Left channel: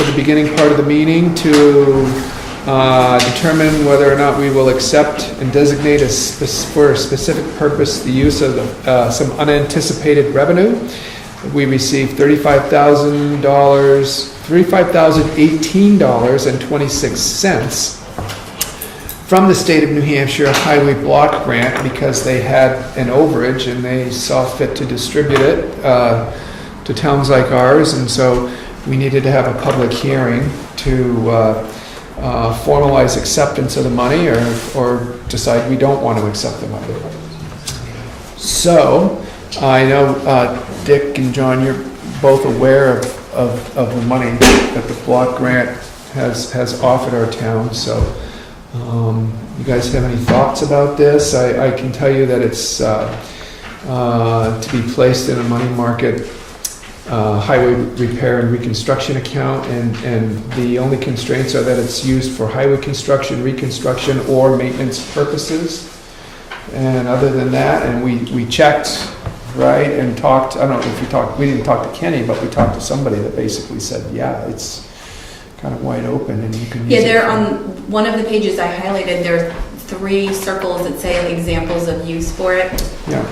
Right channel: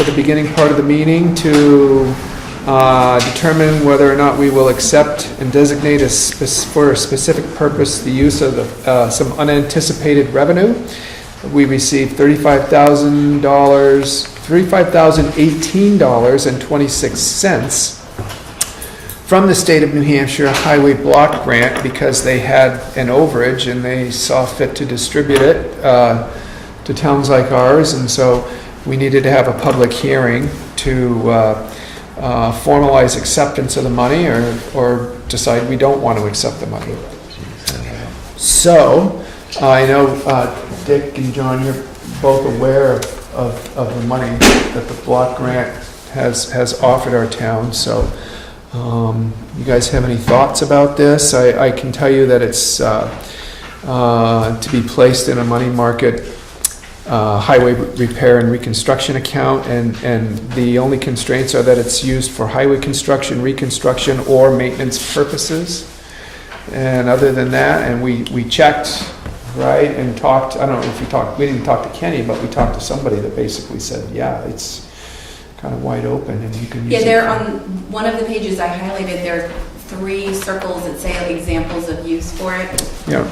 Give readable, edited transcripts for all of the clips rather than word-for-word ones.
for the beginning part of the meeting to determine whether or not we will accept and designate for a specific purpose the use of some unanticipated revenue. We received $35,018.26 from the state of New Hampshire Highway Block Grant because they had an overage and they saw fit to distribute it to towns like ours, and so we needed to have a public hearing to formalize acceptance of the money or decide we don't want to accept the money. So I know Dick and John, you're both aware of the money that the block grant has offered our town. So you guys have any thoughts about this? I can tell you that it's to be placed in a money market highway repair and reconstruction account, and the only constraints are that it's used for highway construction, reconstruction, or maintenance purposes. And other than that, and we checked, right, and talked, I don't know if we didn't talk to Kenny, but we talked to somebody that basically said, yeah, it's kind of wide open and you can use it. Yeah, there on one of the pages I highlighted, there are 3 circles that say examples of use for it. Yeah.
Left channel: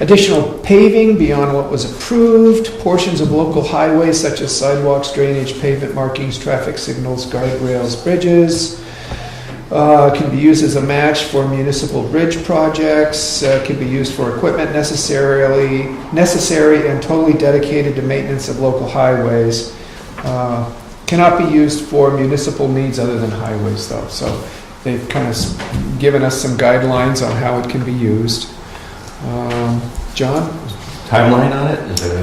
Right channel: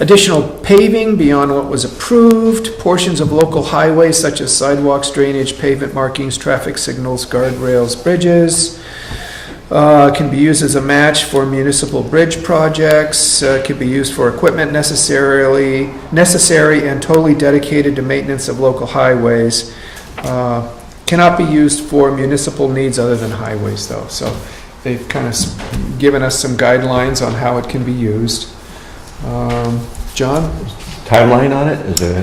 Additional paving beyond what was approved, portions of local highways such as sidewalks, drainage, pavement markings, traffic signals, guardrails, bridges, can be used as a match for municipal bridge projects, can be used for equipment necessary and totally dedicated to maintenance of local highways. Cannot be used for municipal needs other than highways though. So they've kind of given us some guidelines on how it can be used. John? Timeline on it? Is it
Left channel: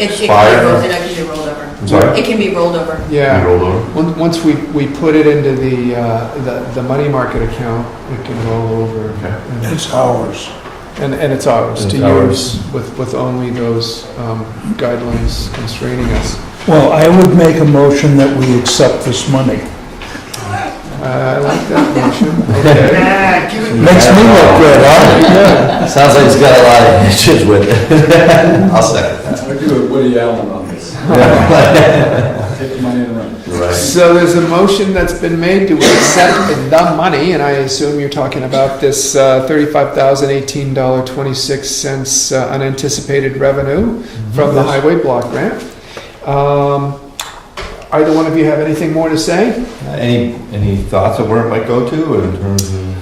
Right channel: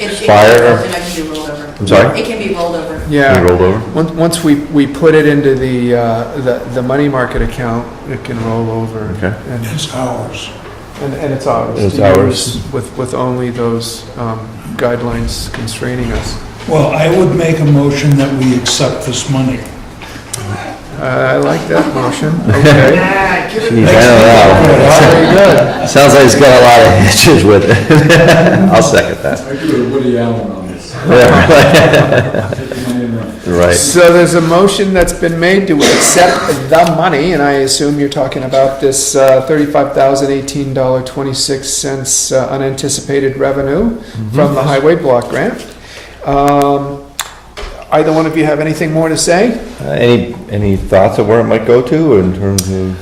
expired? expired? It can be rolled over. I'm sorry? It can be rolled over. Yeah. Rolled over? Once we put it into the money market account, it can roll over. Okay. And It's ours. and it's ours It's to ours. use with only those guidelines constraining us. Well, I would make a motion that we accept this money. I like that motion. Okay. Makes me look good, huh? Sounds like he's got a lot of issues with it. I'll second that. I do a Woody Allen on this. Take my name right. Right. So there's a motion that's been made to accept the money, and I assume you're talking about this $35,018.26 unanticipated revenue from the highway block grant. Either one of you have anything more to say? Any thoughts of where it might go to in terms of?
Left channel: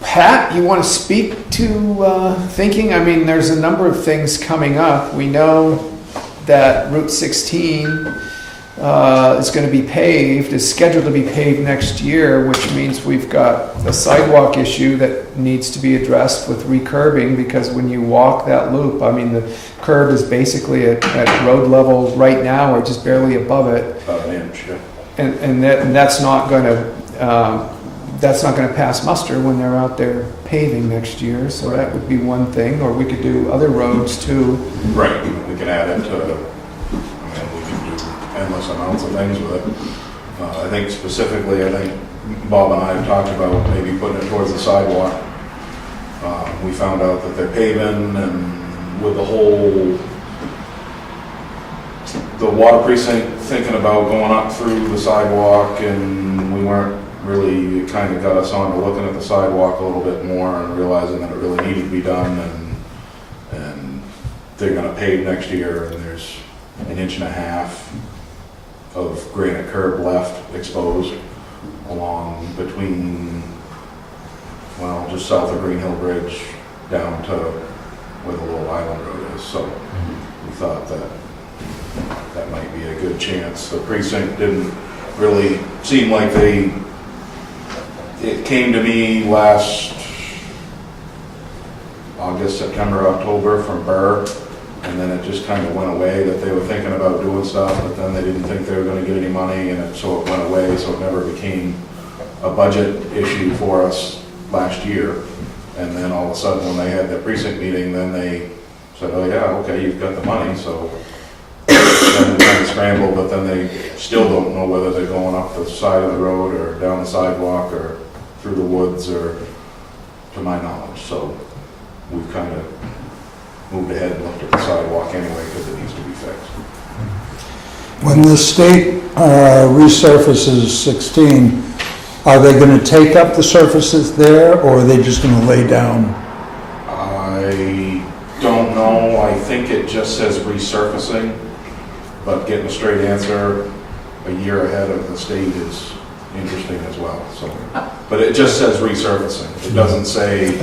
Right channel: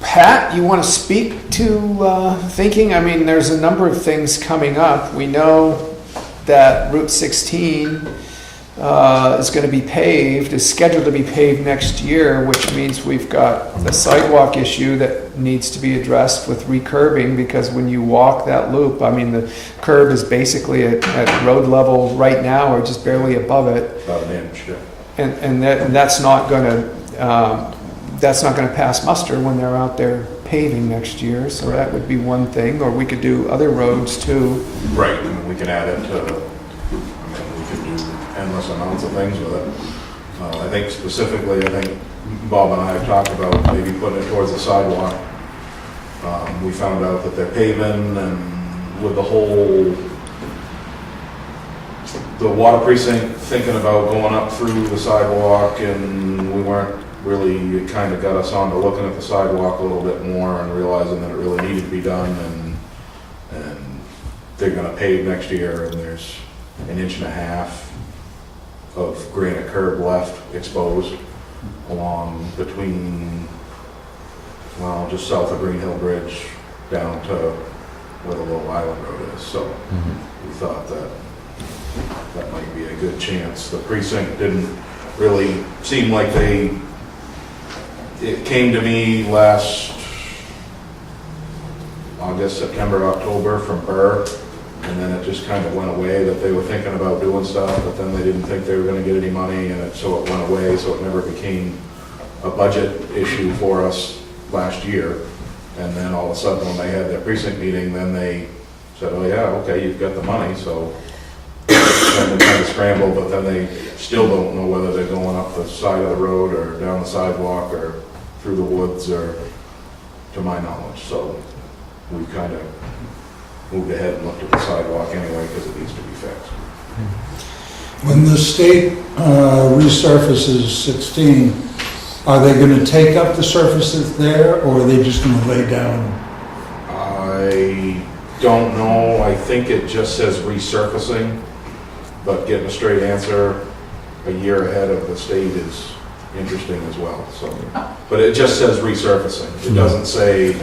Pat, you want to speak to thinking? I mean, there's a number of things coming up. We know that Route 16 is going to be paved, is scheduled to be paved next year, which means we've got a sidewalk issue that needs to be addressed with recurbing, because when you walk that loop, I mean, the curb is basically at road level right now or just barely above it. And that's not going to pass muster when they're out there paving next year. So that would be one thing. Or we could do other roads too. Right, we can add it to, we can do endless amounts of things with it. I think specifically, Bob and I have talked about maybe putting it towards the sidewalk. We found out that they're paving, and with the water precinct thinking about going up through the sidewalk, and we weren't really, it kind of got us on to looking at the sidewalk a little bit more and realizing that it really needed to be done, and they're gonna pave next year, and there's 1.5 inches of granite curb left exposed along between, well, just south of Green Hill Bridge down to where the little island road is. So we thought that might be a good chance. The precinct didn't really seem like it came to me last August, September, October from Burr, and then it just kind of went away that they were thinking about doing stuff, but then they didn't think they were going to get any money, and so it went away, so it never became a budget issue for us last year. And then all of a sudden when they had their precinct meeting, then they said, oh yeah, okay, you've got the money, so then they kind of scrambled, but then they still don't know whether they're going up the side of the road or down the sidewalk or through the woods, or to my knowledge. So we've kind of moved ahead and looked at the sidewalk anyway, because it needs to be fixed. When the state resurfaces 16, are they going to take up the surfaces there, or are they just going to lay down? I don't know, I think it just says resurfacing, but getting a straight answer a year ahead of the state is interesting as well, so. But it just says resurfacing, it doesn't say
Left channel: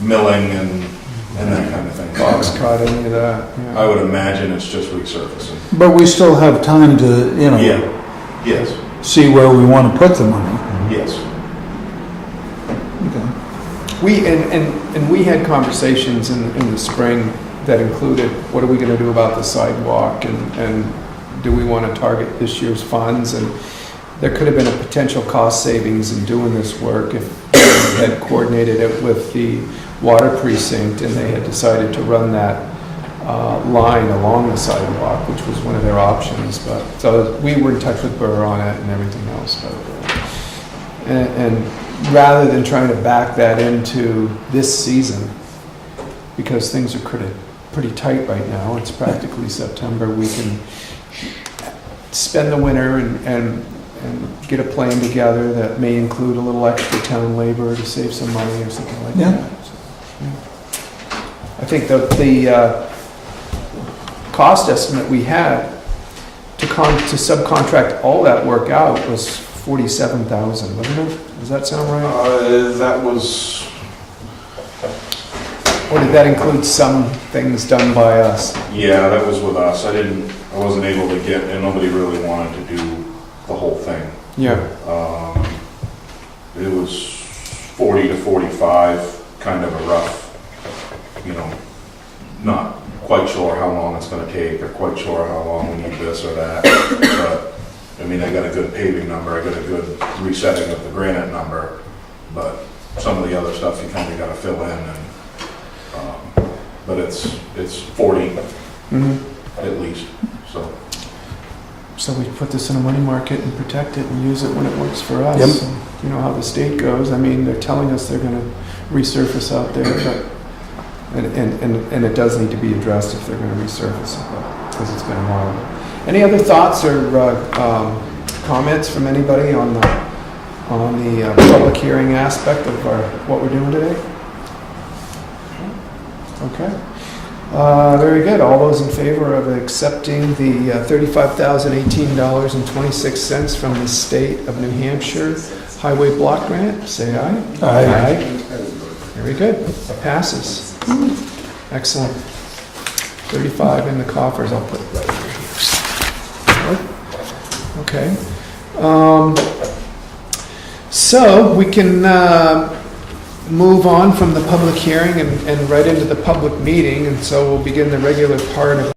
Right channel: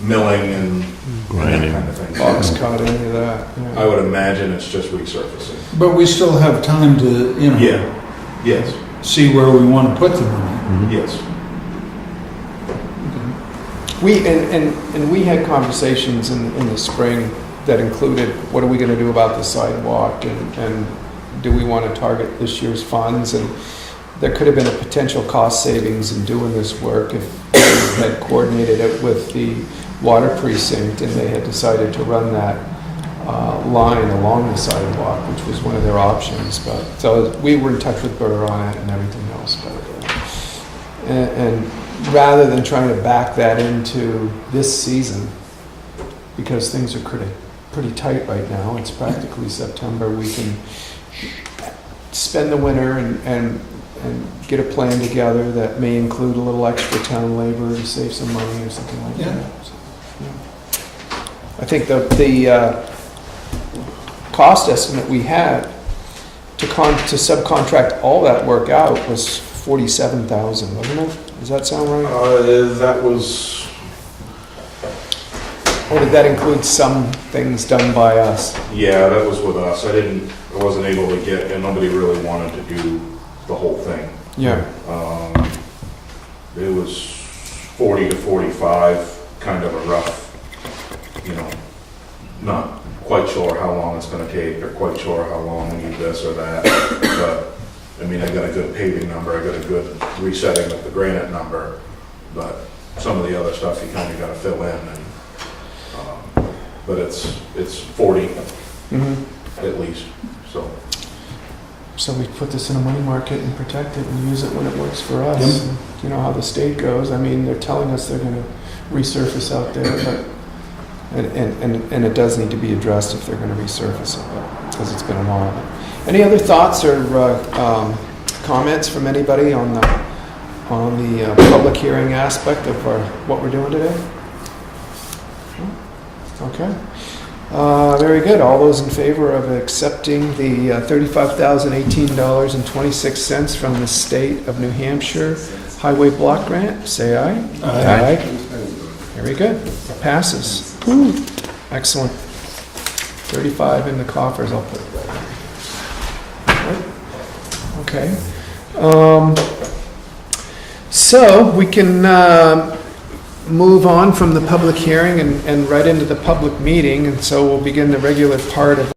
milling and that kind of thing. Fox caught any of that. I would imagine it's just resurfacing. But we still have time to, Yeah, yes, see where we want to put the money. yes. And we had conversations in the spring that included, what are we gonna do about the sidewalk, and do we wanna target this year's funds? And there could have been a potential cost savings in doing this work if we had coordinated it with the water precinct and they had decided to run that line along the sidewalk, which was one of their options. But so we were in touch with Burr on it and everything else. But and rather than trying to back that into this season, because things are pretty tight right now, it's practically September, we can spend the winter and get a plan together that may include a little extra town labor to save some money or something like that. So, yeah. I think the cost estimate we had to subcontract all that work out was $47,000, wasn't it? Does that sound right? That was, Or did that include some things done by us? yeah, that was with us. I wasn't able to get, and nobody really wanted to do the whole thing. Yeah. It was 40 to 45, kind of a rough, not quite sure how long it's gonna take, or quite sure how long we need this or that, but, I mean, I got a good paving number, I got a good resetting of the granite number, but some of the other stuff you kinda gotta fill in, and, but it's 40 at least, so. So we put this in a money market and protect it and use it when it works for us. Yep. So, you know how the state goes. I mean, they're telling us they're going to resurface out there, but and it does need to be addressed if they're going to resurface it, because it's been a while. Any other thoughts or comments from anybody on the public hearing aspect of what we're doing today? Okay. Very good. All those in favor of accepting the $35,018.26 from the state of New Hampshire Highway Block Grant, say aye. Aye. Very good. It passes. Excellent. 35 in the coffers. I'll put it right here. Okay. So we can move on from the public hearing and right into the public meeting, and so we'll begin the regular part of